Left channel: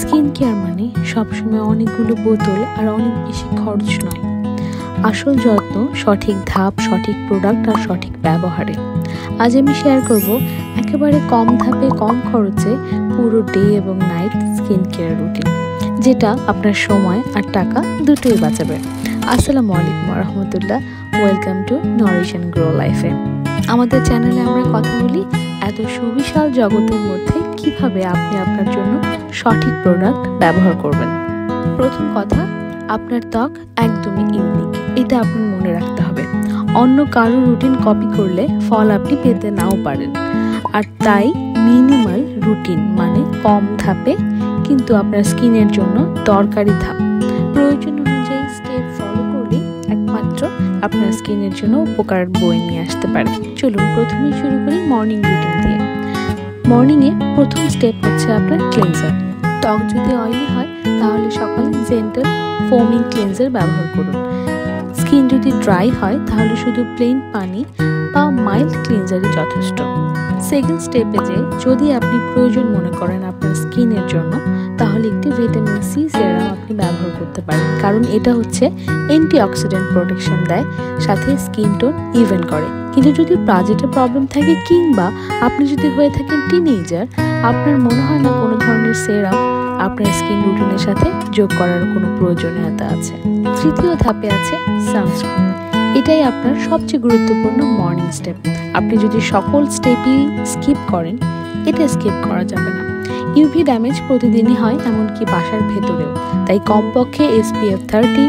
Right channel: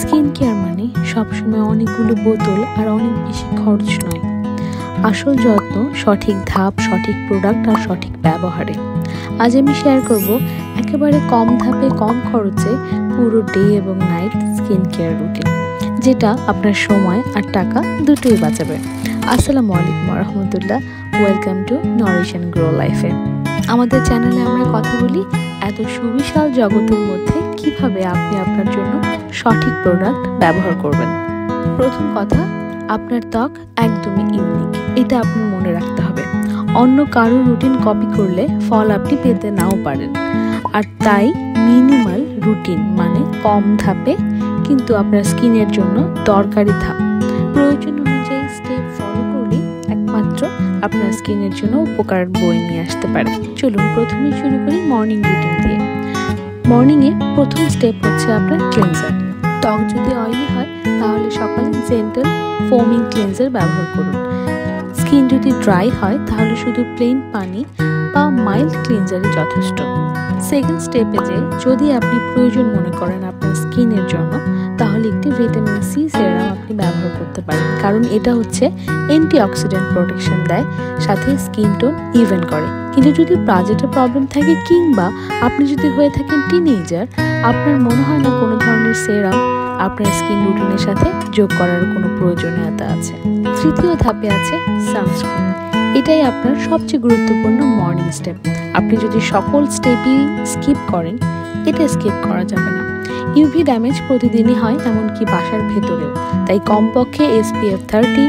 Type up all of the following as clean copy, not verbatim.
Skin care মানে সবসময় অনেকগুলো বোতল আর অনেক বেশি খরচ নয়। আসল যত্ন সঠিক ধাপ, সঠিক প্রোডাক্ট আর সঠিক ব্যবহারে। আজ আমি শেয়ার করব একেবারে কম ধাপে কম খরচে পুরো ডে এবং নাইট স্কিন কেয়ার রুটিন, যেটা আপনার সময় আর টাকা দুটোই বাঁচাবে। আসসালামু আলাইকুম রহমতুল্লাহ, welcome to nourish and grow লাইফে। আমাদের চ্যানেলে আমরা কথা বলি এত সুবিশাল জগতের মধ্যে কিভাবে আপনি আপনার জন্য সঠিক প্রোডাক্ট ব্যবহার করবেন। প্রথম কথা, আপনার ত্বক একদমই ইউনিক, এটা আপনার মনে রাখতে হবে। অন্য কারো রুটিন কপি করলে ফল আপনি পেতে নাও পারেন। আর তাই মিনিমাল রুটিন মানে কম ধাপে কিন্তু আপনার স্কিনের জন্য দরকারি ধাপ। প্রয়োজন অনুযায়ী স্টেপ ফলো করলেই একমাত্র আপনার স্কিনের জন্য উপকার বয়ে নিয়ে আসতে পারে। চলুন প্রথমেই শুরু করি মর্নিং রুটিন দিয়ে। মর্নিংয়ে প্রথম স্টেপ হচ্ছে আপনার ক্লিনজার। ত্বক যদি অয়েলি হয় তাহলে সকালে জেন্টাল ফোমিং ক্লিনজার ব্যবহার করুন। স্কিন যদি ড্রাই হয় তাহলে শুধু প্লেন পানি বা মাইল্ড ক্লিনজারই যথেষ্ট। সেকেন্ড স্টেপে যে যদি আপনি প্রয়োজন মনে করেন আপনার স্কিনের জন্য, তাহলে একটি ভিটামিন সি সেরাম আপনি ব্যবহার করতে পারেন, কারণ এটা হচ্ছে অ্যান্টিঅক্সিডেন্ট প্রোটেকশন দেয়, সাথে স্কিন টোন ইভেন করে। কিন্তু যদি বাজেটের প্রবলেম থাকে কিংবা আপনি যদি হয়ে থাকেন টিনেজার, আপনার মনে হয় না কোনো ধরনের সেরাম আপনার স্কিন রুটিনের সাথে যোগ করার কোনো প্রয়োজনীয়তা আছে। তৃতীয় ধাপে আছে সানস্ক্রিন। এটাই আপনার সবচেয়ে গুরুত্বপূর্ণ মর্নিং স্টেপ। আপনি যদি সকল স্টেপই স্কিপ করেন, এটা স্কিপ করা যাবে না। ইউভি ড্যামেজ প্রতিদিনই হয়, এমনকি বাসার ভেতরেও। তাই কমপক্ষে SPF 30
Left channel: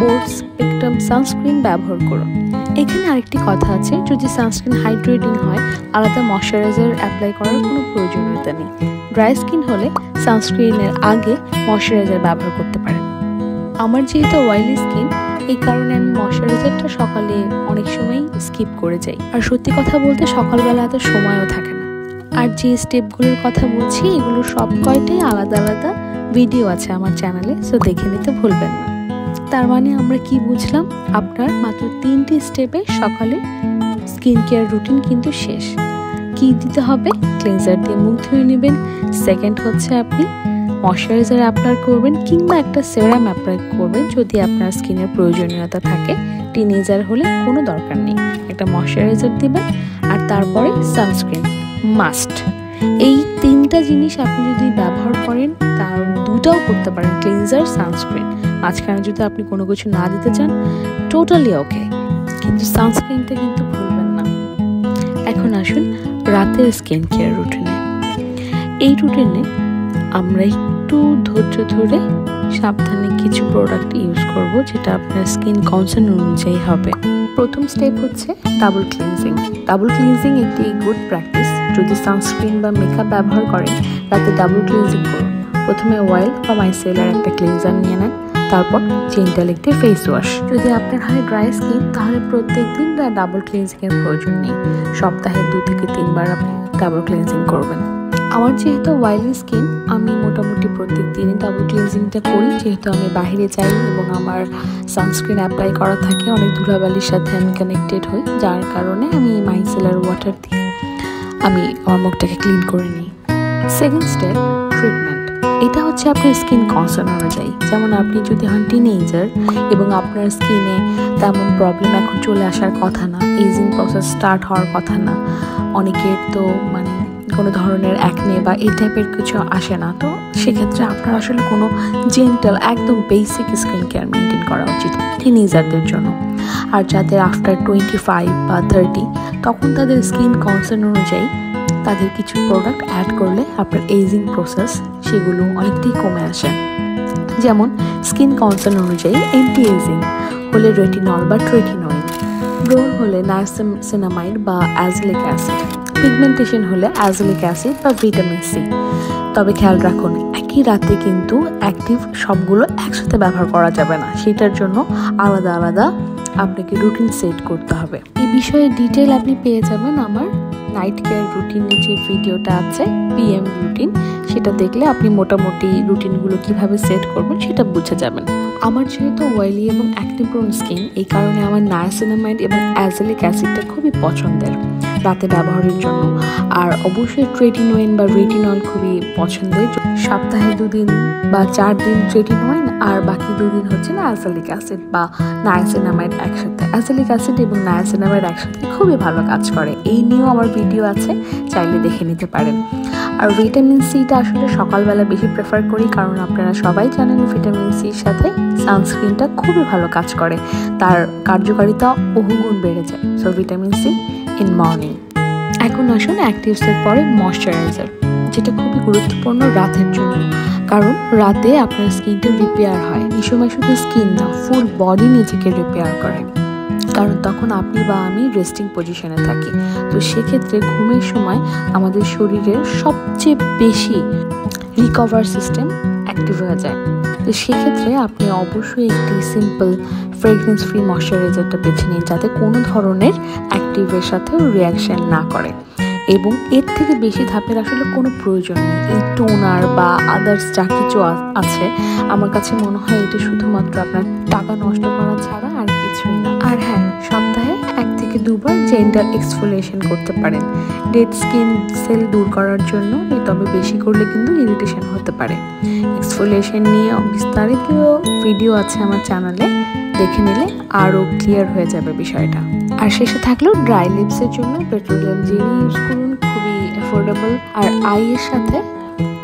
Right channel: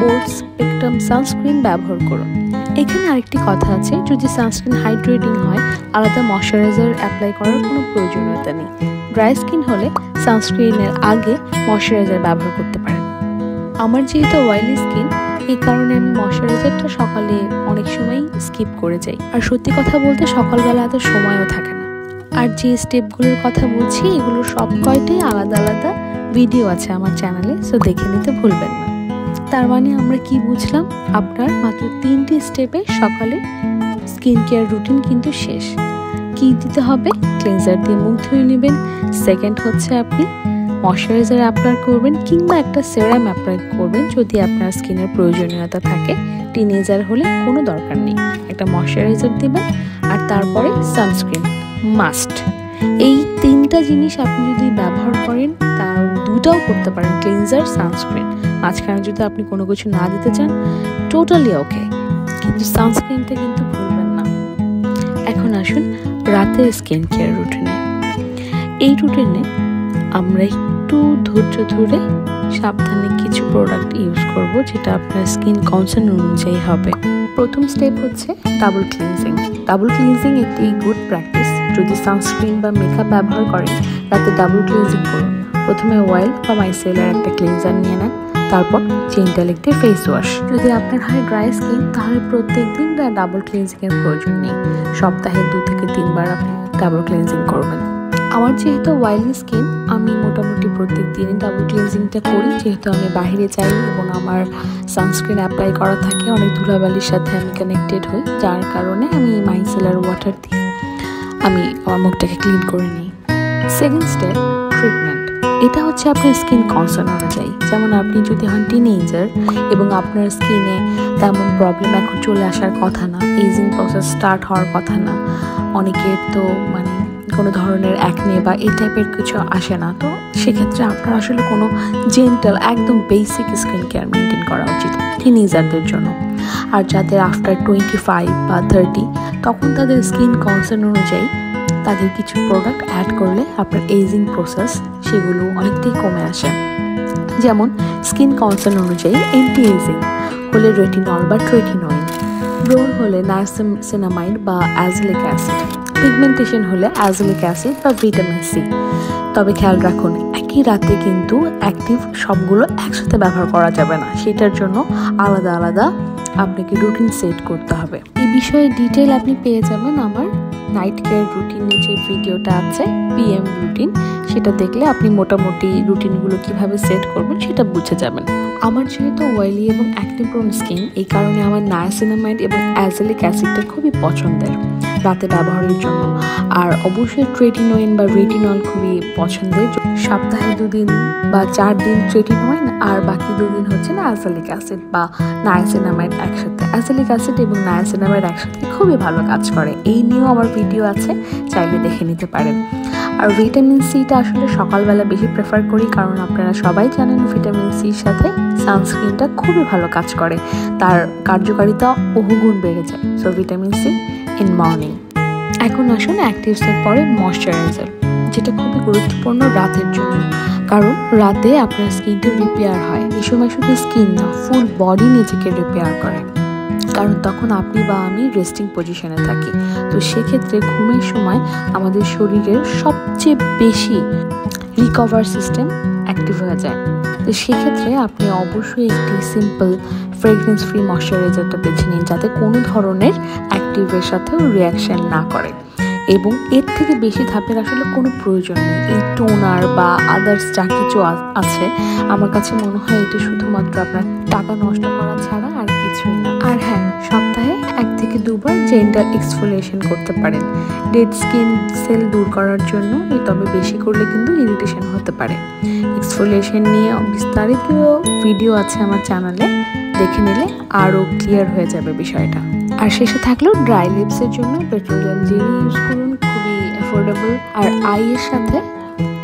বোর্ড স্পেকট্রাম সানস্ক্রিন ব্যবহার করুন। এখানে আরেকটি কথা আছে, যদি সানস্ক্রিন হাইড্রেটিং হয় আলাদা ময়শ্চারাইজার অ্যাপ্লাই করার কোনো প্রয়োজনীয়তা নেই। ড্রাই স্কিন হলে সানস্ক্রিনের আগে ময়শ্চারাইজার ব্যবহার করতে পারেন। আমার যেহেতু অয়েলি স্কিন, এই কারণে আমি ময়শ্চারাইজারটা সকালে অনেক সময়ই স্কিপ করে যাই। আর সত্যি কথা বলতে সকালবেলা এত সময়ও থাকে না। আর যে স্টেপগুলোর কথা বলছি এগুলোর সব কয়টাই আলাদা আলাদা ভিডিও আছে আমার চ্যানেলে, সো দেখে নিতে ভুলবেন না। তার মানে আমরা কি বুঝলাম, আপনার মাত্র 3টি স্টেপে সকালে স্কিন কেয়ার রুটিন কিন্তু শেষ। কি দিতে হবে? ক্লিনজার দিয়ে মুখ ধুয়ে নেবেন। সেকেন্ড হচ্ছে আপনি ময়শ্চারাইজার অ্যাপ্লাই করবেন কিংবা একটা সেরাম অ্যাপ্লাই করবেন যদি আপনার স্কিনের প্রয়োজনীয়তা থাকে। টিনেজার হলে কোনো দরকার নেই, একটা ময়শ্চারাইজার দিবেন। আর তারপরে সানস্ক্রিন মাস্ট। এই 3টা জিনিস আপনি যদি ব্যবহার করেন, তার 2টাও করতে পারেন, ক্লিনজার সানস্ক্রিন। মাঝখানে যদি আপনি কোনো কিছু না দিতে চান, টোটালি ওকে, কিন্তু সানস্ক্রিনটা কিন্তু ভুলবেন না। এখন আসুন রাতের স্কিন কেয়ার রুটিনে। এই রুটিনে আমরা একটু ধৈর্য ধরে সাবধানে কিছু প্রোডাক্ট ইউজ করব, যেটা আপনার স্কিন কনসার্ন অনুযায়ী হবে। প্রথম স্টেপ হচ্ছে ডাবল ক্লিনজিং। ডাবল ক্লিনজিং একটি গুড প্র্যাকটিস। যদি সানস্ক্রিন বা মেকআপ ব্যবহার করেন, রাতে ডাবল ক্লিনজিং করুন। প্রথমে অয়েল বা মাইসেলার একটা ক্লিনজার নিয়ে নেন, তারপর জেন্টাল একটি ফেস ওয়াশ। যদি আপনার হয় ড্রাই স্কিন, তাহলে প্রত্যেক দিন ডাবল ক্লিনজিংয়ের প্রয়োজন নেই। সপ্তাহে 2 থেকে 3 বার আপনি ডাবল ক্লিনজিং করবেন। আমার যেহেতু অয়েলি স্কিন, আমি মোটামুটি প্রত্যেক দিনই ডাবল ক্লিনজিংটা করি, যেহেতু আমি বাইরে যাই এবং আমার সানস্ক্রিন অ্যাপ্লাই করা থাকে। অনেক ধুলাবালির সাথে আমি কানেক্টেড হই, যার কারণে আমি মাইসেলার ওয়াটার দিয়ে আমি আমার মুখটাকে ক্লিন করে নিই। Second step treatment. এটা হচ্ছে আপনার স্কিন কনসার্ন অনুযায়ী। যেমন আপনি যদি হন টিনেজার এবং আপনার স্কিনে তেমন প্রবলেম এখন চলে আসার কথা না, এজিং প্রসেস স্টার্ট হওয়ার কথা না, অনেকের তো মানে কোনো ধরনের অ্যাকনে বা এই টাইপের কিছু আসে না, তো সেক্ষেত্রে আপনার আসলে কোনো জেন্টাল একদম বেসিক স্কিন কেয়ার মেনটেন করা উচিত টিনেজারদের জন্য। আর যাদের আফটার 25 বা 30, তখন তাদের স্কিন কনসার্ন অনুযায়ী তাদের কিছু প্রোডাক্ট অ্যাড করলে আপনার এজিং প্রসেস সেগুলো অনেকটাই কমে আসে। যেমন স্কিন কনসার্ন অনুযায়ী অ্যান্টি এজিং হলে রেটিনল বা ট্রেটিনোইন, ব্রোন হলে নায়াসিনামাইড বা অ্যাজলিক অ্যাসিড, পিগমেন্টেশন হলে অ্যাজলিক অ্যাসিড বা ভিটামিন সি। তবে খেয়াল রাখুন, একই রাতে কিন্তু অ্যাক্টিভ সবগুলো একসাথে ব্যবহার করা যাবে না, সেটার জন্য আলাদা আলাদা আপনাকে রুটিন সেট করতে হবে। এই বিষয়ে ডিটেল আপনি পেয়ে যাবেন আমার নাইট কেয়ার রুটিনের যে ভিডিওটা আছে, PM রুটিন, সেটা দেখলে আপনি মোটামুটি রুটিনগুলো কিভাবে সেট করবেন সেটা বুঝে যাবেন। আমার যেহেতু অয়েলি এবং অ্যাকনে প্রোন স্কিন, এই কারণে আমার নায়াসিনামাইড এবং অ্যাজলিক অ্যাসিডটা খুবই পছন্দের। রাতে ব্যবহারের জন্য। আর অবশ্যই ট্রেটিনোয়েন বা রেটিনল খুবই পছন্দের। সপ্তাহে 2 দিন বা 4 দিন ট্রেটিনোয়েন আর বাকি 2 দিন হচ্ছে না অ্যাজালিক অ্যাসিড বা নায়াসিনামাইড একসাথে। অ্যাজালিক অ্যাসিড এবং নায়াসিনামাইড একসাথে খুবই ভালো কাজ করে। এই নিয়েও আমার ভিডিও আছে, চাইলে দেখে নিতে পারেন। আর ভিটামিন সিটা আসলে সকালবেলা বেশি প্রেফার করি, কারণ আপনারা সবাই জানেন ভিটামিন সির সাথে সানস্ক্রিনটা খুবই ভালো কাজ করে, তার কার্যকারিতা বহুগুণ বেড়ে যায়। So vitamin C in morning. এখন আসুন অ্যাক্টিভসের পরে ময়শ্চারাইজার, যেটা খুবই গুরুত্বপূর্ণ রাতের জন্য, কারণ রাতে আপনার স্কিনটা রিপেয়ার হয়। এই সময় শুধু স্কিন না, ফুল বডি নিজেকে রিপেয়ার করে, কারণ তখন আপনি বা আমি রেস্টিং পজিশনে থাকি। তো সেক্ষেত্রে ঘুমের সময় আমাদের শরীরের সবচেয়ে বেশি রিকভার সিস্টেম অ্যাক্টিভ হয়ে যায়। তো সেক্ষেত্রে আপনি অবশ্যই একটি সিম্পল ফ্রেগরেন্স ফ্রি ময়শ্চারাইজারটা বেছে নিন, যাতে কোনো ধরনের অ্যাক্টিভের সাথেও রিয়াকশান না করে, এবং এর থেকে বেশি ধাপের আসলে কোনো প্রয়োজন নেই। এই টোনার বা আদার্স যা কিছু আছে, আমার কাছে মনে হয় এটা শুধুমাত্র আপনার টাকা নষ্ট করা ছাড়া আর কিছুই না। আর হ্যাঁ, সপ্তাহে 1 থেকে 2 বার জেন্টাল এক্সফোলিয়েশন করতে পারেন ডেড স্কিন সেল দূর করার জন্য, তবে বেশি করলে কিন্তু ইরিটেশন হতে পারে। এক্সফোলিয়েশন নিয়ে বিস্তারিত ভিডিও আছে আমার চ্যানেলে, দেখে নিলে আরও ক্লিয়ার হয়ে যাবে বিষয়টা। আর শেষে থাকলেও ড্রাই লিপসের জন্য পেট্রোলিয়াম জেলি ইউজ করুন, খুবই অ্যাফোর্ডেবল। আর আইয়ের সাথে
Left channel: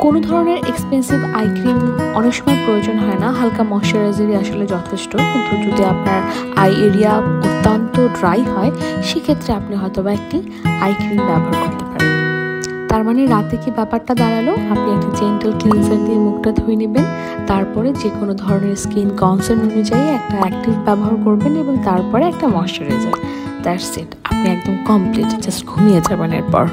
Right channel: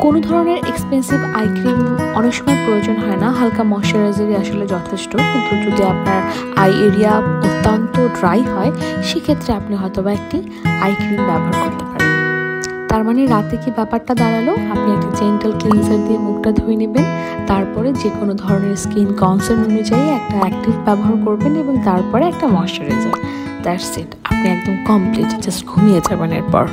কোনো ধরনের এক্সপেন্সিভ আই ক্রিম অনেক সময় প্রয়োজন হয় না, হালকা ময়শ্চারাইজারই আসলে যথেষ্ট। কিন্তু যদি আপনার আই এরিয়া অত্যন্ত ড্রাই হয়, সেক্ষেত্রে আপনি হয়তোবা একটি আই ক্রিম ব্যবহার করতে পারেন। তার মানে রাতে কি ব্যাপারটা দাঁড়ালো, আপনি একটা জেন্টাল ক্লিনজার দিয়ে মুখটা ধুয়ে নেবেন, তারপরে যে কোনো ধরনের স্কিন কনসার্ন অনুযায়ী একটা অ্যাক্টিভ ব্যবহার করবেন, এবং তারপরে একটা ময়শ্চারাইজার। দ্যাটস ইট, আপনি একদম কমপ্লিট, জাস্ট ঘুমিয়ে যাবেন। এরপর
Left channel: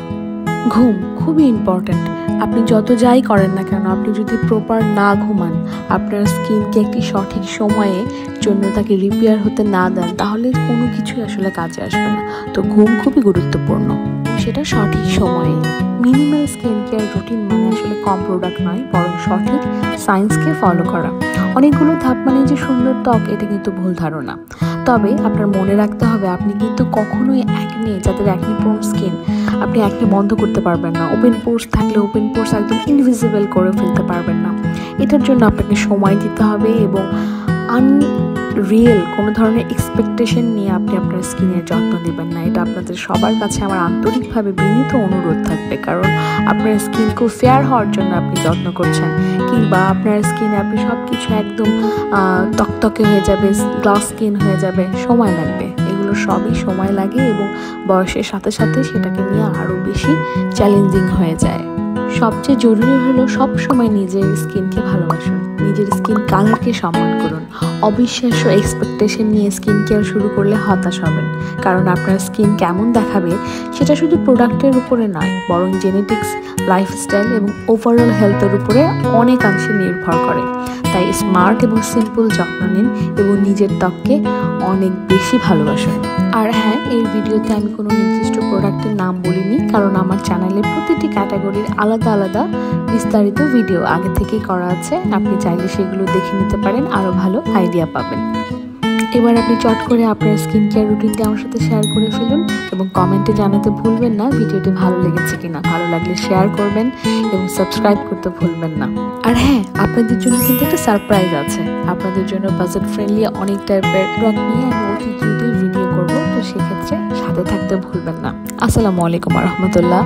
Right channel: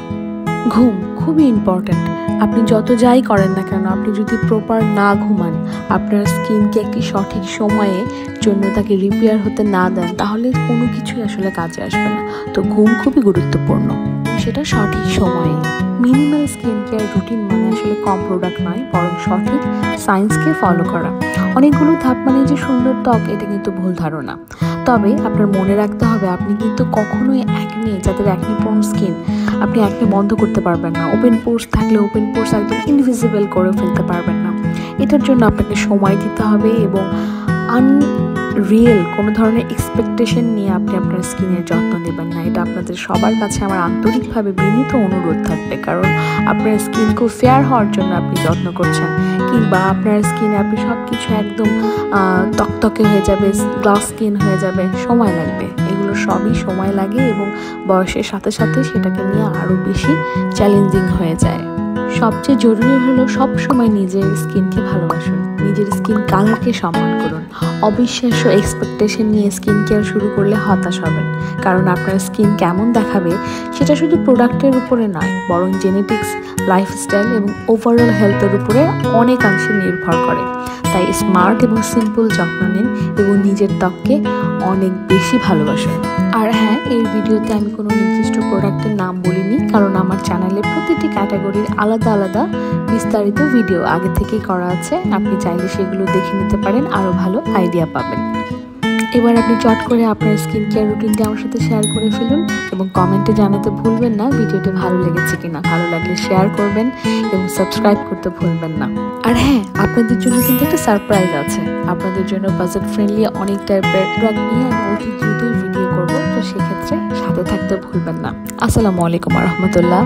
ঘুম খুবই ইম্পর্ট্যান্ট। আপনি যত যাই করেন না কেন, আপনি যদি প্রপার না ঘুমান, আপনার স্কিনকে একটি সঠিক সময়ে জন্য তাকে রিপেয়ার হতে না দেন, তাহলে কোনো কিছুই আসলে কাজে আসবে না। তো ঘুম খুবই গুরুত্বপূর্ণ, এবং সেটা সঠিক সময়ে। মিনিমাল স্কিন কেয়ার রুটিন মানে আসলে কম প্রোডাক্ট নয়, বরং সঠিক সায়েন্সকে ফলো করা। অনেকগুলো ধাপ মানে যে সুন্দর ত্বক, এটা কিন্তু ভুল ধারণা। তবে আপনার মনে রাখতে হবে, আপনি কিন্তু কখনোই অ্যাকনে, যাদের অ্যাকনে প্রোন স্কিন, আপনি অ্যাকনে বন্ধ করতে পারবেন না। ওপেন পোর্স থাকলে ওপেন পোর্স একদম ইনভিজিবল করে ফেলতে পারবেন না। এটার জন্য আপনাকে সময় দিতে হবে, এবং রিয়েল কোনো ধরনের এক্সপেকটেশন নিয়ে আপনি আপনার স্কিনের যত্ন নেবেন না। এটা আপনাদের সবার কাছে আমার আন্তরিকভাবে বিনীত অনুরোধ থাকবে, কারণ আপনার স্কিন খুব ফেয়ার হওয়ার জন্য আপনি যত্ন করছেন, কিংবা আপনার স্কিনে আপনি সব কিছু একদম তকতকে হয়ে যাবে, গ্লাস স্কিন হয়ে যাবে, সময় লাগবে। এগুলো সবই সময় লাগে, এবং বয়সের সাথে সাথে সেটাকে নিয়ে আরও বেশি চ্যালেঞ্জিং হয়ে যায়। সবচেয়ে জরুরি হলো সব সময় নিজের স্কিনকে ভালোবাসুন, নিজের স্কিন কালারকে সম্মান করুন। অবিশ্বাস্য এক্সপেকটেশন নিয়ে স্কিন কেয়ার শুরু করলে হতাশ হবেন, কারণ আপনার স্কিন কেমন দেখাবে সেটা শুধু প্রোডাক্টের উপরে নয়, বরং জেনেটিক্স, লাইফস্টাইল এবং ওভারঅল হেলথের উপরে অনেকাংশে নির্ভর করে। তাই স্মার্ট এবং সিম্পল যত্ন নিন, এবং নিজের ত্বককে অনেক বেশি ভালোবাসুন। আর হ্যাঁ, এই ভিডিওতে আমি কোনো নির্দিষ্ট প্রোডাক্টের নাম বলিনি, কারণ আমার চ্যানেলে প্রতিটি ক্যাটাগরির আলাদা আলাদা বিস্তারিত ভিডিও আগে থেকেই করা আছে। আপনি চাইলে সেগুলো দেখে নিতে পারেন, আরও ভালো আইডিয়া পাবেন। এবার আপনি চট করে আপনার স্কিন কেয়ার রুটিনটি আমার সাথে শেয়ার করে ফেলুন, এবং কমেন্টে জানাতে ভুলবেন না ভিডিওটি ভালো লেগেছে কিনা। ভালো লাগলে শেয়ার করবেন এবং সাবস্ক্রাইব করতে ভুলবেন না। আর হ্যাঁ, আপনাদের জন্য কিন্তু একটা সারপ্রাইজ আছে। আপনাদের জন্য বাজেট ফ্রেন্ডলি অনেক টাইপের প্রোডাক্ট নিয়ে আমি অতি দ্রুতই ভিডিও করব, তো সেক্ষেত্রে সাথে থাকতে ভুলবেন না। আসসালামু আলাইকুম ওয়া রাহমাতুল্লাহ।